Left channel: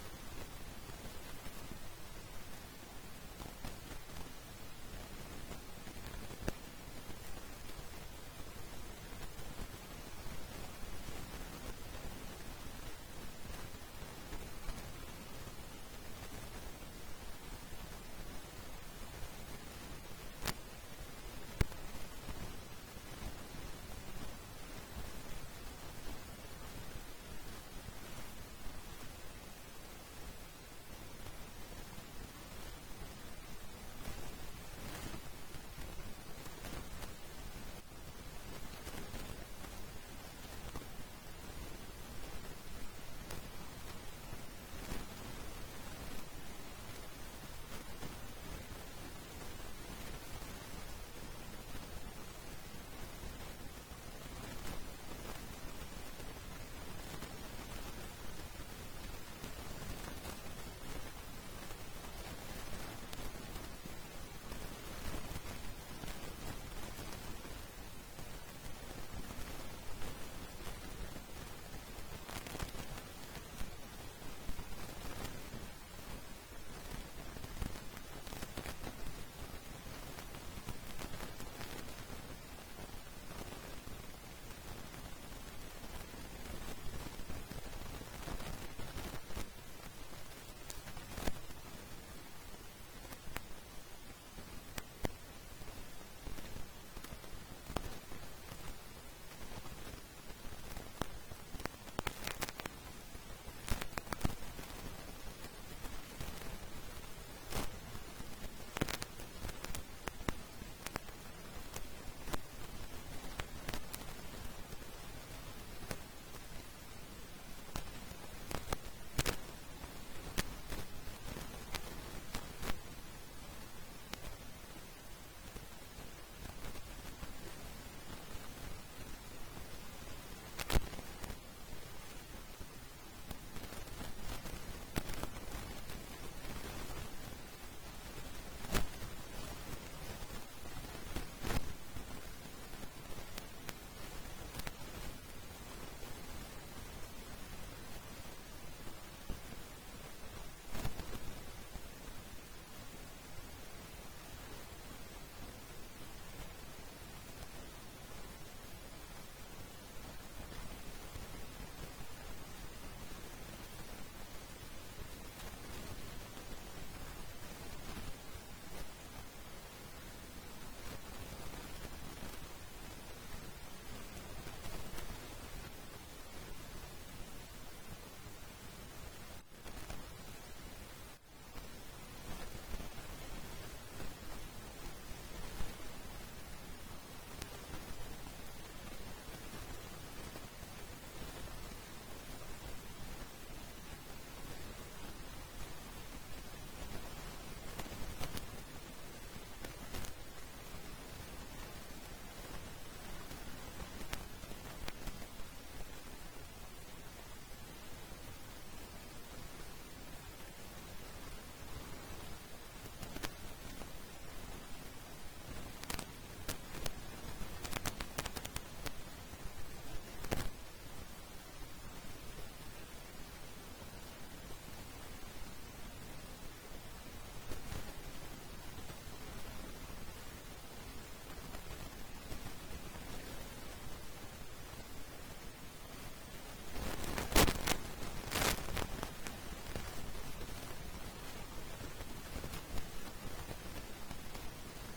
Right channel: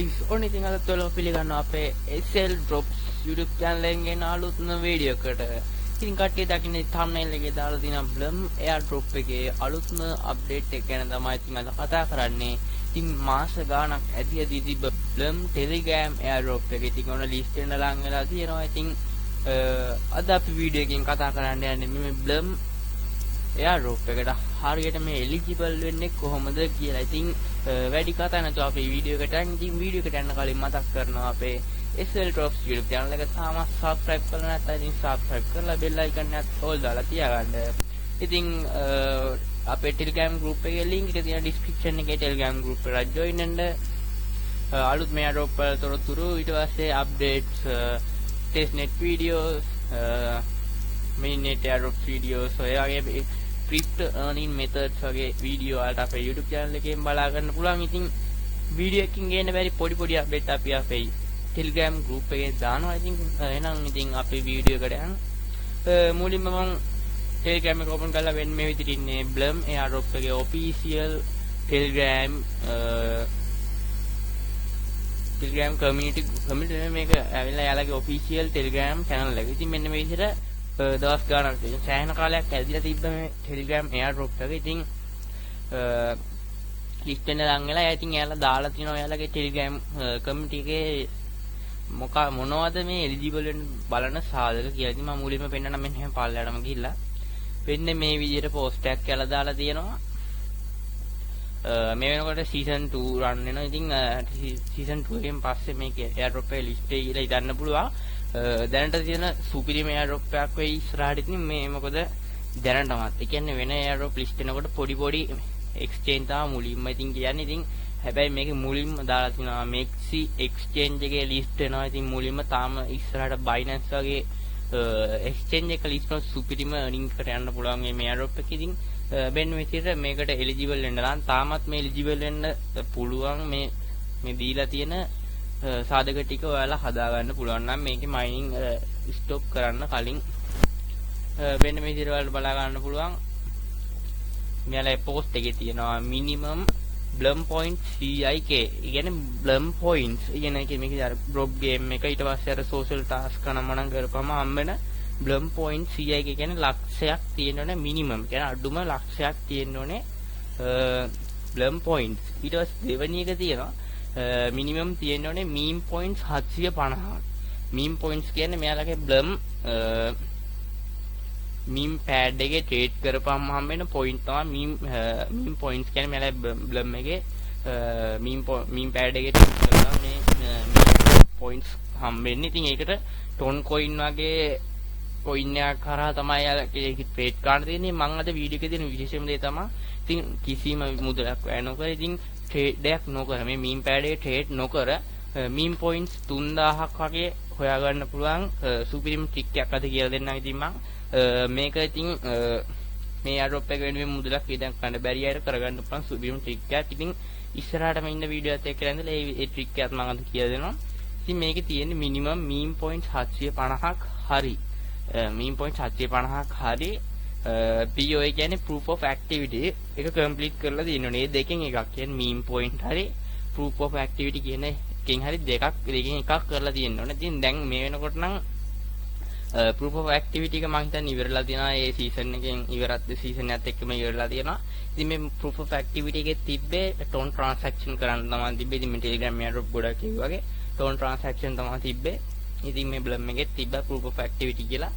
guys, ඕනේ ඉතින් අද ඔයාලව පිළිගන්නවා අපේ SL Drops YouTube channel එකෙන් ගෙන අලුත්ම වීඩියෝ එකකට. ඉතින් කට්ටිය දකින්නේ thumbnail එකේ දාලා තියෙන Blum AirDrop එකේ අලුත්ම update එක ගැන තමයි ඉතින් අද කතා කරන්නේ. ඉතින් මාස ගාණක් ඇදී තිබ්බ Blum Telegram AirDrop එක ඉතින් ඔන්න list වෙන ලං වෙලා තියෙනවා. ඉතින් අද අපි වීඩියෝ එකකින් කතා කරන්න යන්නේ මේ Blum AirDrop එකට හරියට මේ eligible වෙන්නේ කොහොමද කියලා. ඉතින් වැඩි කතා නැතුව අපි වීඩියෝ එකට යන්න. ඉතින් වීඩියෝ එකට යන්න කලින් මතක් කරනවා අපේ SL Drops YouTube channel එක තාම subscribe කරලා නැත්නම් ඉතින් subscribe කරලා bell icon එකත් all දාලා තියාගන්න. ඉතින් අපේ Telegram group එකේ link එක තියෙන description එකේ Telegram group එකට join වෙන්න. අලුත් මේ AirDrop වල තොරතුරු ඊට පස්සේ updates testnet videos mainnet AirDrop videos ඔය වගේ crypto earning methods වගේ වීඩියෝ වලට අපේ YouTube channel එකෙන් බලා ගන්න පුළුවන්. ඉතින් වීඩියෝ එකකින් ගේන බැරි පොඩි අප්ඩේට් අපි අපේ Telegram group එකේ දානවා. ඉතින් එහෙනම් ඉතින් අපි වීඩියෝ එකට යන්න. මුලින්ම මම Telegram එක open කරලා වෙන මේ විදිහට ඉන්නේ Blum AirDrop එකේ official Telegram community මේක ඇවිල්ලා යාළුවගේ official Telegram channel එක. ඉතින් මෙන්න මේ විදිහට දවස් ගානක් තියෙන සෑහෙන කාලයක් ඇදිලා තිබ්බ මේ Telegram AirDrop එක. ඉතින් ලිස්ට් වෙන ලං වෙලා ඉතින් එයාලා දාලා තිනවා එයාලගේ Telegram community එකේ මොනවද මේ eligible වෙන බලන සාධක කියලා. ඉතින් මම මුලින්ම පෙන්නන්න මෙන්න එහෙම පල්ලයටම ගිහිල්ලා වෙන්නේ මේ විදිහට post එකක් කියලා දාලා තියෙනවා. මේ වෙනකොට season 2 run වෙනවා. ඉතින් season 2 එකෙන් පස්සේ මේක AirDrop එකේ list එකේ කියලා ඉදන්න පුළුවන්. දැනට තියෙන සුපිරිම AirDrop එකක් වෙයි ඉස්සරහට. ඉතින් මේ මොකද දැනටමත් ඒ කියන්නේ වෙන AirDrop list වෙනකොට පොඩි exchange තමයි මුලින්ම ඉතින් කියන්නේ. ඉතින් හැබැයි මේක මුලින්ම දාලා තිනවා Maxi exchange එකේ list වෙනවා. ඉතින් මුලින්ම තාම ඉස්සරහට Binance වගේ exchange එක list වල සුපිරිම earning එකට යන්න පුළුවන් මේ AirDrop එක. ඉතින් බෙන් විදිහට මේකට eligible වෙන්න නම් තාමත් මේ eligible වෙන්න පුළුවන් මේ දීලා තියෙන සාධක ටික ඔයාලා හදා ගන්න පුළුවන් නම් මේකේ mining stop කරන්න කලින් වෙන මේ විදිහට ඔයාලට බලා ගන්න පුළුවන්. මෙයාලා post එකේ තියෙනවා minimum Blum points CIK. ඒ කියන්නේ Blum points. ඒ කියන්නේ මේක අර drop game එක ඊට පස්සේ අර social task කරනම කරපම හම්බෙන Blum points CIK කියන්නේ ලක්ෂයක් තියෙනවනේ minimum. කියන්නේ අඩුම ලක්ෂයක් තියෙනවනේ Blum points. ඊට පස්සේ දෙවෙනි එක තියෙනවා minimum තියෙනවනේ meme points 750. meme points කියන්නේ මෙයාලගේ Blum meme pad එකේ trade කරපුවාම හම්බෙන point තමයි meme points කියන්නේ මෙයාලගේ Blum එකේ meme pad එකේ trade කරලා මේ points හම්බෙන්නේ. ඉතින් ඒකට ton coin වගේ coin එකක් කරා තමයි ඒක trade කරන්න තියෙන්නේ. මම අද වීඩියෝ එකේ දෙන විශේෂම දේ තමයි ඉතින් කිසිම මුදලක් වැය නොකර ඉතින් trade එකක් නොකර මේ meme pad එකේ trade නොකර meme points 3000ක් වගේ හොයාගන්න පුළුවන් සුපිරිම trick එකක් අද කියලා දෙන්නම්. ඉතින් මම මේක ඉතින් මේ AirDrop එක වෙනුවෙන් මුදලක් ඉදන් ගන්න බැරි අයට කරගන්න පුළුවන් සුපිරිම trick එකක්. ඉතින් ඉස්සරහටම ඉන්න වීඩියෝ එකත් එක්ක ඉඳලා ඒ trick එකත් මම අද කියලා දෙනවා. ඉතින් මේකේ තියෙන්නේ minimum meme points 750ක් හරි meme points 750ක් හරි PO කියන්නේ proof of activity එක complete කරලා තියෙනවා. මේ දෙකෙන් එකක් කියන්නේ meme point හරි proof of activity කියන එකෙන් හරි දෙකෙන් එකක් කරලා තියෙන්න ඕනේ. ඉතින් දැන් මේ වෙනකොට නම් proof of activity එක මම හිතන්නේ ඉවරලා තියෙනවා. ඒ season එකෙන් ඉවරත් season එකත් එක්කම ඉවරලා තියෙනවා. ඉතින් මේ proof of activity එකේ තිබ්බේ ton transaction කරන්න තමයි තිබ්බේ. ඉතින් මේ Telegram AirDrop ගොඩක් ඒ වගේ ton transaction තමයි තිබ්බේ. ඉතින් මේ Blum එකේ තිබ්බා proof of activity කියලා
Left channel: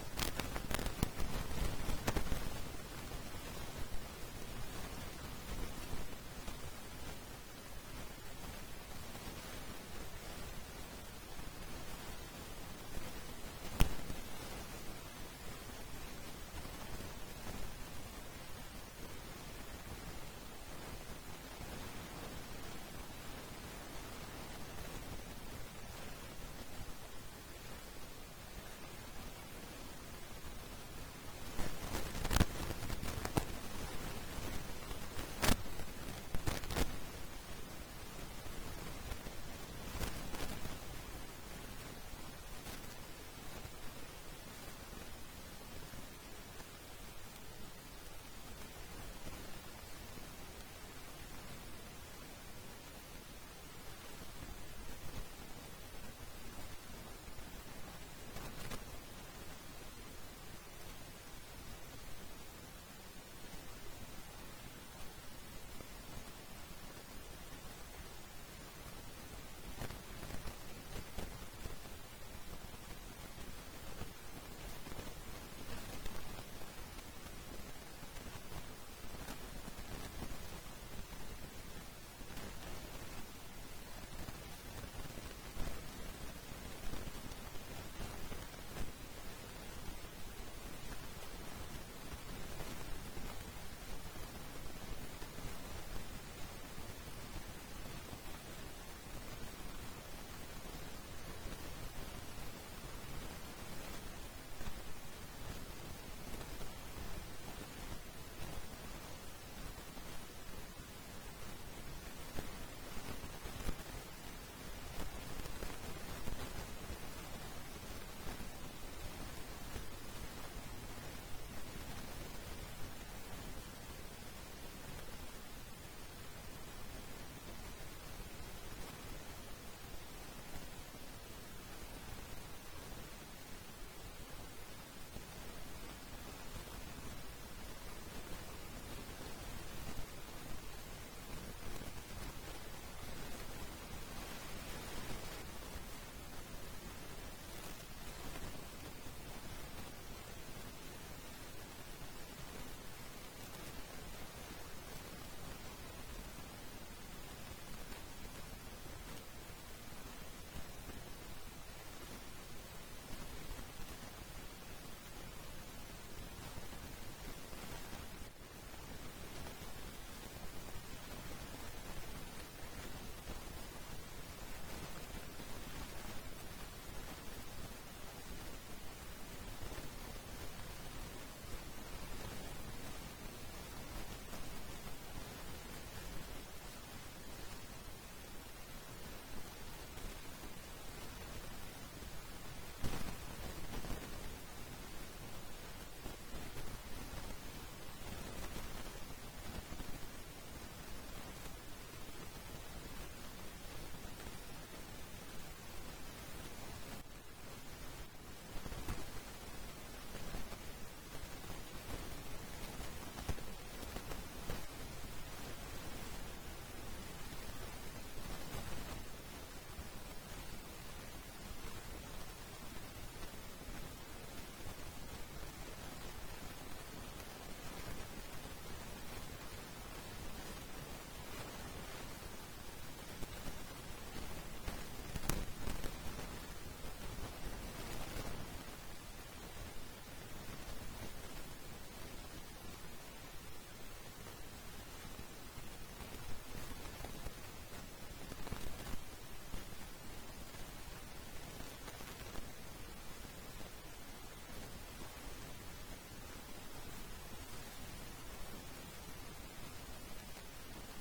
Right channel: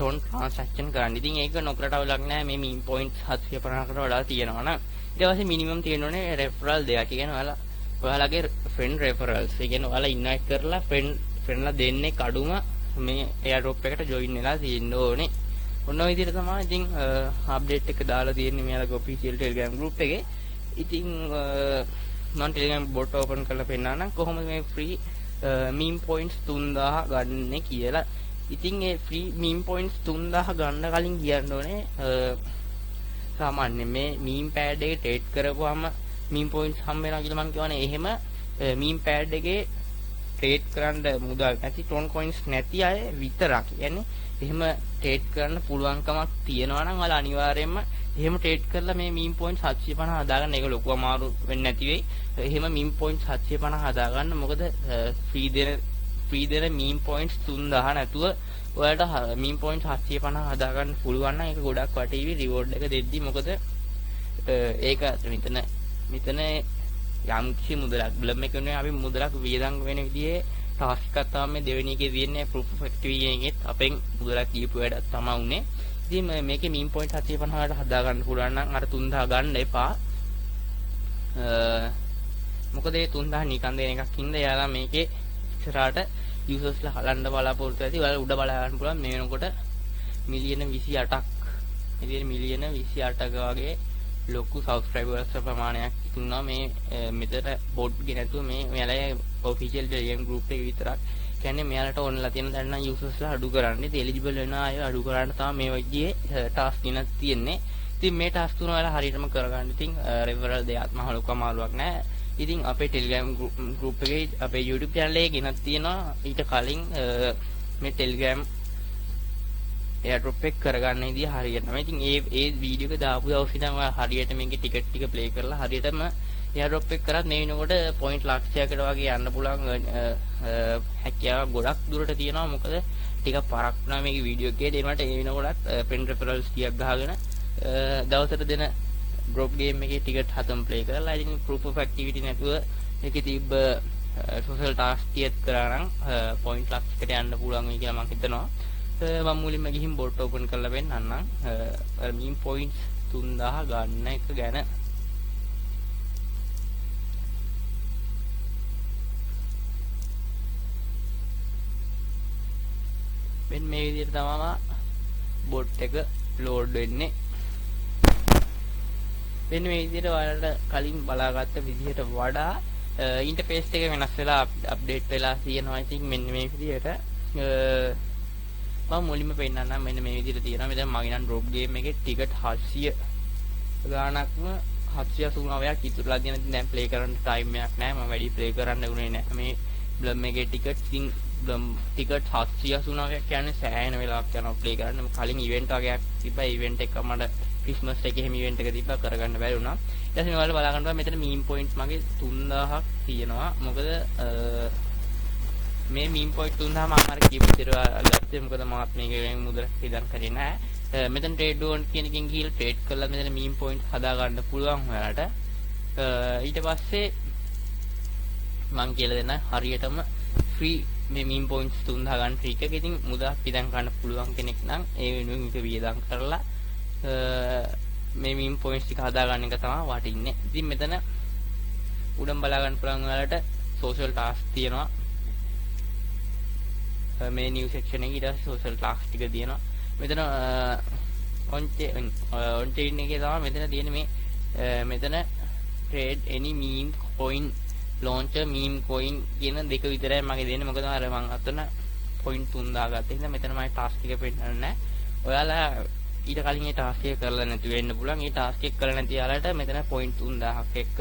ton transaction කරන්න. ඉතින් ඒක නොකරට අවුලක් නැහැ. මේ meme points 750කට වඩා තියෙනවා නම් ඊට පස්සේ minimum තියෙනෝනේ referral දෙකක්. ඒ කියන්නේ ඔයාලගේ friend referrals. ඒ කියන්නේ ඔයාලා invite කරලා friendලා දෙන්නේ කඩුම මේ AirDrop එකට join වෙලා තියෙන්න ඕනේ. ඔන්න ඔය විදිහට තමයි ඉතින් update එක දාලා තියෙන්නේ මෙයාලගේ official Telegram group එකේ. ඉතින් මම Telegram bot open කරලා පෙන්නන්නම් කොහොමද මේ free meme points 3000 ගන්න කියලා. ඉතින් ඒ free meme points 3000 ගන්න කලින් කියන්න ඕනේ සාමාන්‍ය මේ meme pad එකේ trade කරපුවාම meme points හම්බ වෙනවා කියලා මම කියවනේ. එහෙම meme pad එකේ trade කරන්න මුදල් නැති ton coins නැති අය විතරක්. يعني එහෙම trade කරන්න පුළුවන්කමක් තියෙනවා නම් ඔයාලා අනිවාර්යයෙන්ම එහෙම ට්‍රේඩ් කරලා මේ මීම් පොයින්ට් 750 හදාගන්න ඒක ලොකු අමාරු වෙන්නේ නැති වෙයි. එහෙම මීම් පොයින්ට් 750 හදාගන්න. මොකද ෆ්‍රී දෙන මීම් පොයින්ට්ස් 3000 නැතුව ඔයාලට මීම් පොයින්ට් 750 හදාගන්න පුළුවන් නම් ඒක ගොඩක් වටීවි රිවෝඩ් එක දෙද්දි. මොකද ඒක මෙතන යම් කිසි මුදලක් බ්ලම් එක වෙනුවෙන් අපි මුදලක් වියදම් වෙන විදිහේ ටාස්ක් එකක් තමයි මේ දෙවෙනි එකේ තියෙන්නේ ප්‍රූෆ් ඔෆ් ඇක්ටිවිටි එකෙත් අපෙන් මුදලක් දීපු වැඩක් තමයි උනේ. ඉතින් මේකේ මීම් පොයින්ට් 750කට හදාගන්න පුළුවන් නම් අර 3000 ගන්න එපා. මොකද ඒ 3000 නිකන් දෙන එකක් ඉඳලා එයාලා මේකේ ඉස්සරහට යූසර්ස්ලා හලන්න බලාපොරොත්තු ඇති. ඔයාලා උඩ බලා ගන්න පුළුවන් මේ වෙනකොට මිලියන 28ක් මිලියන 28ක වගේ ලොකු සබ්ස්ක්‍රයිබර්ස් ප්‍රමාණයක් ඉන්නවා මේ මෙතන බොට් ගේ නැතුව මේ මෙයාලා ඔෆිෂියල් ටෙලිග්‍රෑම් ගෲප් එකේ විතරක්. කියන්නේ මෙයාලට ඕනලා තියෙන දැන් නම් යූසර්ස්ලා අඩු කරන්නේ. ඉතින් එලිජිබල් වෙන අය අඩු කරන්න තමයි මේ වගේ ටාස්ක් දිනක් තියෙන්නේ. ඉතින් මේ ටාස්ක් තුන ඔයාලා හරියටම කරගන්න. ඉතින් රෙෆරල් දෙයක් මහ ලොකු අමාරුවක් නෑ. ඉතින් අපේ ටෙලිග්‍රෑම් ගෲප් එකේ අපේ YouTube channel එකේ ගෙනත් තියෙනවා ඊට කලින් මේ ටෙලිග්‍රෑම් එයාඩ්‍රොප් එක කරගන්න ඉතින් හරියටම. ඉතින් ඒ වීඩියෝ එක දාපු දවසේ ඉඳන් ඔයා හරියට මේකේ ටිකට් ටික ප්ලේ කරලා හරියටම එයාඩ්‍රොප් එක කරත් මේ වෙනකොට පොයින්ට් ලක්ෂයකට වගේ යන්න පුළුවන් හැකියාව ගොඩක් දුරට තියෙනවා. මොකද ටිකක් පරක් වුණා මේකේ වීඩියෝ එකේ දෙනකොට ඒ වෙනකොටත් පෙන් රෙෆරල්ස් ටිකක් ගහගෙන දවසට දෙන ඩ්‍රොප් ගේම් එකේ ටිකට් 7ම ප්ලේ කරලා ඉතින් ප්‍රූෆ් ඔෆ් ඇක්ටිවිටි නැතුව ඒකේ තිබ්බ සෝෂල් ටාස්ක් ටිකක් කරා නම් පොයින්ට් ලක්ෂයකට යන්න පුළුවන් වෙයි කියලා මම හිතනවා. මම මුලින්ම ගිහින් බොට් ඕපන් කරලා වෙන්නන්නම්. අර මීම් පොයින්ට්ස් 3000 ගන්න එක ගැන මෙන්න මේ විදිහට තමයි බොට් එක ලෝඩ් වෙන්නේ. මෙන්න මේ විදිහට ඔයාලට කලින් බලාගත්ත විදිහට වඩා ඉන්ටර්ෆේස් එක වෙනස් වෙලා අප්ඩේට් වෙලා තියෙනවා. ඉතින් මෙන්න මේ විදිහට මම මුලින්ම පෙන්නන්නම්. මෙන්න මේ විදිහට තියෙනවා. මෙතන මගේ නම් ඩ්‍රොප් ගේම් එකේ ටිකට් 700 ගාණක්ම 789ක් ඉතුරුලා තියෙන. ඉතින් දැන් ප්ලේ කරන්න ටයිම් එකක් නැහැ. මම වැඩි ප්ලේ කරන්න උනේ නැහැ. මේ බ්ලම් එකේ ටිකට් ඉතින් බ්ලම් ටිකට් 789ක් කියන්නේ සෑහෙන වෙලාවක් යනවා ප්ලේ කරන්න. කලින් ඉවෙන්ට් වගේක් තිබ්බා. ඉවෙන්ට් එක මට ක්‍රිස්මස් එකේ හැම ඉවෙන්ට් එක තිබ්බා කරගන්න බැරි වුණා. ඊට පස්සේ ඔයාලා බලා ගන්නවා මෙතන මීම් පොයින්ට්ස් මගේ 3000ක් තියෙනවා. මොකද මේ මීම් පොයින්ට් 3000 මම අර කියපු විදිහට ගත්තේ. මොකද මාත් මේකෙන් මුදලක් ඉදන් කරේ නැහැ. මෙතන ට්‍රේඩ් ඕන් කියන එකෙන් ගිහලා ට්‍රේඩ් කරලා මෙතන මීම් පොයින්ට් හදා ගන්න පුළුවන් ඔයාලට. ඊට පස්සේ මම කියලා දෙන්න හරියටම ෆ්‍රී මේ මීම් පොයින්ට්ස් 3000 ගන්න ෆ්‍රී එකක. ඉතින් මුදලක් ඉදන් ගන්න පුළුවන් කෙනෙක් නම් ඒ වෙනුවෙන් මේක වියදම් කරලා මේ මීම් පොයින්ට්ස් ටික හදා ගන්න එක තමයි වටින්නේ. ඉතින් මෙතන උඩම් බලා ගන්න පුළුවන් ඔයාලට සෝෂල් ටාස්ක් තියෙනවා. මේ නිව් සෙක්ෂන් එකේ ඊට සෝෂල් ටාස්ක් ටික තියෙනවා. මෙතන ඔන් චේන් එකේ තමයි මෙතන තියෙන මේ මෙතන trade any meme coin launcher meme coin කියන දෙක විතරයි මගේ දෙන්නේ. මොකද අර මම අතන point 3000 ගත්තා. ඉතින් මෙතන මම ටාස්ක් එක පෙන්නන්නේ නැහැ. ඔයාලා ඊට කලින් මේ ටාස්ක් එක කරලා නැති වෙන්න පුළුවන්. මේ ටාස්ක් එක කරලා නැති යාලට මෙතන point 3000ක් එක්ක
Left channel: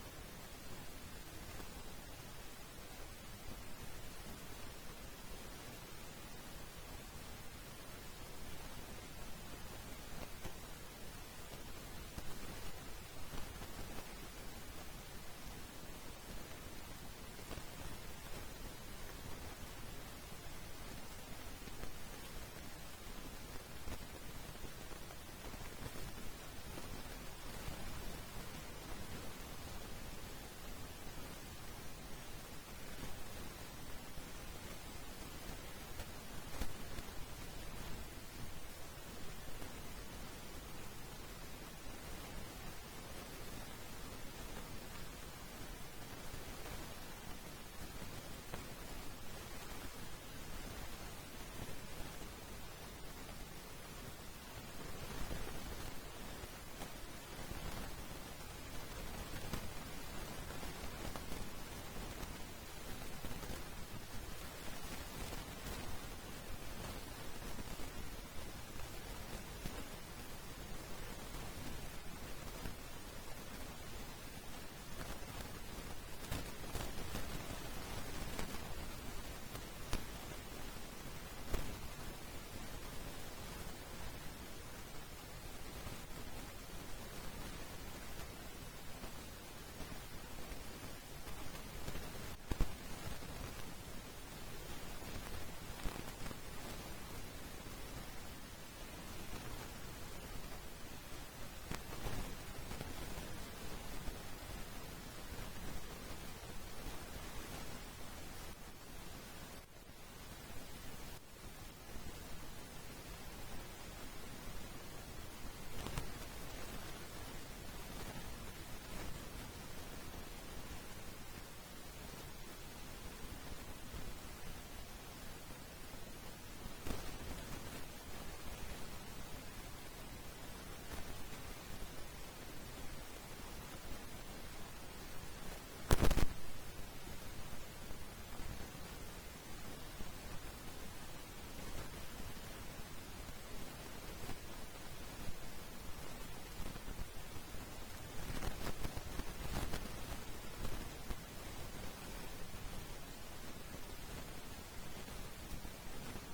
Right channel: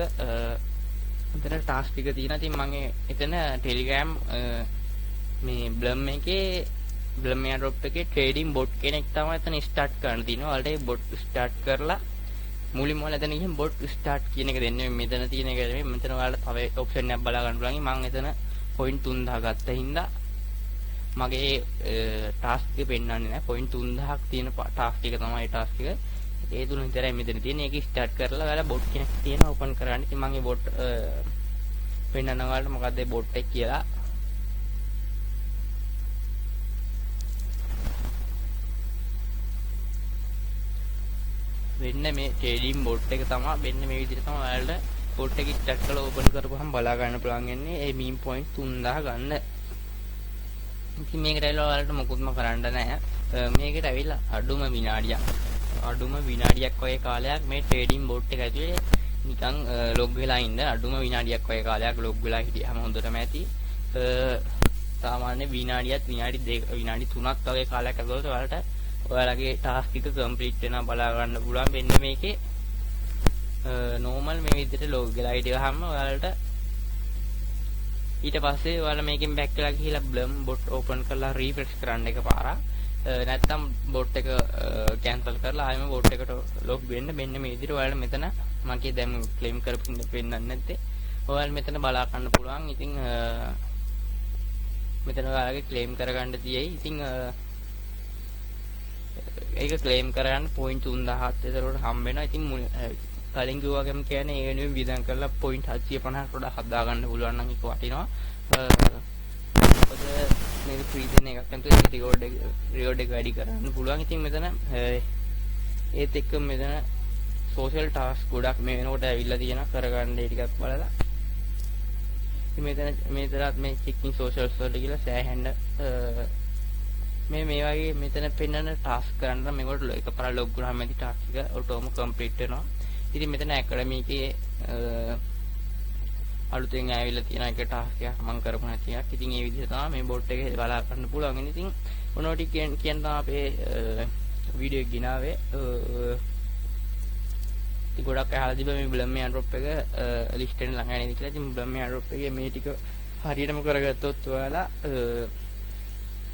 මෙතන ටාස්ක් ටික තියෙනවා. ඉතින් මම එතන Telegram මේ බ්ලම් එකේ බ්ලම් එයාඩ්‍රොප් එකේ ට්‍රේඩින් බොට් කෙනෙක් තමයි එතන ස්ටාර්ට් කරන්න තියෙනවා. ඔයාලට ඒ බොට් ස්ටාර්ට් කරලා මුලින්ම ඔයාලා එතන ගිහින් බොට් ස්ටාර්ට් කියන එක දෙන්නේ. මෙතන තියෙන එක නෙමෙයි. මෙතන ඔයාලට තව ඔප්ෂන් එකක් බලා ගන්න පුළුවන්. මම එතන point 3000 ගත්තා හින්දා මගේ ටාස්ක් එක පෙන්නන්නේ නැහැ. point 3000ක් තියෙන ටාස්ක් එක තමයි ටාස්ක් එක. ඒ තුන විතරයි මෙතන තියෙන්නේ. ඒක ස්ටාර්ට් කරලා ඔයාලා බොට් කෙනෙක් තියෙන ඕපන් කරගන්න. ඉතින් මම ඒ බොට් පෙන්නන්න ඔයාලට මොකද්ද ඒ බොට් එක කියලා. වෙන්න මේ ට්‍රේඩින් බොට් එක තමයි වෙන්න මේ විදිහට තමයි ඔයාලට බොට් එක ස්ටාර්ට් කරලා ඕපන් කරපුවහම බලා ගන්න පුළුවන් වෙන්නේ ඒ මීම් පොයින්ට් 3000 ගන්න. ඉතින් මේකට ඇවිල්ලා ඔයාලට මොකුත්ම කරන්න නැහැ. මේකට ඇවිල්ලා අඩුම විනාඩියක් වගේ කාලයක් මේ ට්‍රේඩින් බොට් එක ඇතුලේ නිකන් ලොග් වෙලා ඉන්න. අඩුම විනාඩියක් වගේ කාලයක් ලොග් වෙලා හිටියාම හොඳටම ඇති. සාමාන්‍ය විනාඩි 3ක් වගේ කාලයක් ඇතුළත ඔයාලට ඔයාලගේ ටාස්ක් එක කම්ප්ලීට් වෙනවා බලා ගන්න පුළුවන්. මෙන්න මේකේ නෝමල් මේ විදිහට ලොග් වෙලා හිටියාම ඔයාලට ඊට පස්සේ ඔයාලා මේකෙන් බෑක් වෙලා ගිහිලා බ්ලම් බොට් ඕපන් කරලා රීෆ්‍රෙෂ් කරන්න එකපාරක්. නැත්තම් බෝට් එක කැන්සල් කරලා ආයෙම බෝට් එකට ලොග් වෙන්න. මෙන්න මේ විදිහට ඔයාලා මෙතන මගේ දැන් ක්ලේම් කරපු පෙන්නන්නේ නැත්තේ. ඔයාලා මෙතන බලා ගන්න පුළුවන්. ඉතින් මෙතන ඔයාලගේ ක්ලේම් කරගන්න තියෙයි. ඉතින් ඒක ක්ලේම් කරගන්න පොයින්ට් 3000ක් විතර හම්බ වෙනවා. ඉතින් කලින් කිව්වා වගේම කියන්නේ ඒ වෙනුවෙන් වියදම් කරලා පොයින්ට් 750කට වඩා හදා ගන්න පුළුවන් නම් ඒක වටිනවා. මොකද මේක ෆ්‍රී දෙන එකක් නැතුව රිවෝඩ් එක වැඩි කරන්න පුළුවන්. ඉතින් මෙතන ඒත් එක්ක මෙතන සෝෂල් ටාස්ක් ගොඩක් මේ වෙනකොට ඇවිල්ලා තියෙනවා කරගන්න ඒ ටිකක් බලලා. ඉතින් මෙතනත් මේ චෙකින් සෝෂල්ස් වලට ගිහලා සෑහෙන්න මේ වගේ මෙතන පෙන්නන ටාස්ක් කරන්න නම් මේකට එකපාර ලොග් වුණාම ඇති ටාස්ක් එක ඔටෝම කම්ප්ලීට් වෙනවා. ඉතින් මෙතන ඇකඩමි එකේ අලුතෙන් ඇවිල්ලා තියෙන එක ටාස්ක් එකක් මම කරපු නැති එකක්. ඉතින් මේ විදිහට තමයි මේ බෝට් එකේ බලා ගන්න පුළුවන්. ඉතින් මොනවා ටික කියන්න තමයි අපේ වීඩියෝ එක ගෙනාවේ. ඉතින් ගොඩක් අහලා තිබ්බා මේ බ්ලම් එයාඩ්‍රොප් එක ලිස්ට් එකෙන් ළඟ යන්නේ කියලා. ඉතින් බ්ලම් එයාඩ්‍රොප් එකේ මේ ටික හරියටම කරගත්තොත් ඔයාලා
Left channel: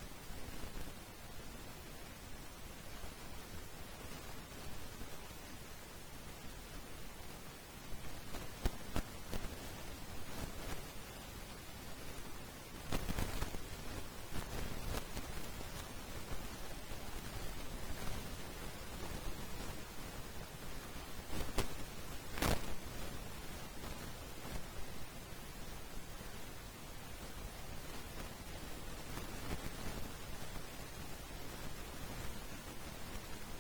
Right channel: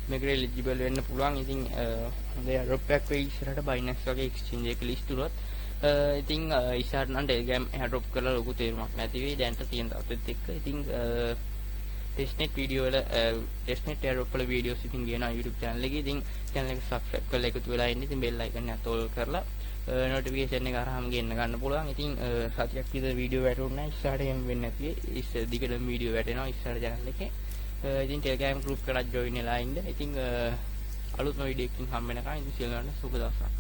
මේකට එලිජිබල් වෙන්න පුළුවන්. ඉතින් හොඳ එයාඩ්‍රොප් එකක් වෙයි ඉස්සරහට Binance වගේ එක්ස්චේන්ජ් එක ලිස්ට් වුණොත්. ඉතින් ඉස්සරහට නම් Telegram එයාඩ්‍රොප් කරලා ලොකු තේරුමක් නැති වෙයි. දැන්ට තියෙන අපිත් එක්ක. ඉතින් ටෙස්ට්නෙට් වීඩියෝ වල ටෙස්ට්නෙට් එයාඩ්‍රොප් වල වීඩියෝස් ඉතින් ගේනවා YouTube channel එකේ. ඉතින් channel එක subscribe කරලා එකතු වෙලා ඉන්න. ඉතින් bell icon එක තෝල් කරලා notification එක අරහම ගෙන්න ගන්න පුළුවන්. ඉතින් සතියක් විතර වීඩියෝ වැටුනේ නැහැ. ඉස්සරහට එහෙම වෙන්නේ නැති වෙයි. දිගටම වීඩියෝ වැටෙනවා ඉස්සරහට channel එකේ. ඉතින් Telegram group එකට join වෙලා ඉන්න. ඉතින් අලුත්ම වීඩියෝ එකකින් හම්බ වෙනකන් ඉතින් සියලු දෙනාට සුබ දවසක්.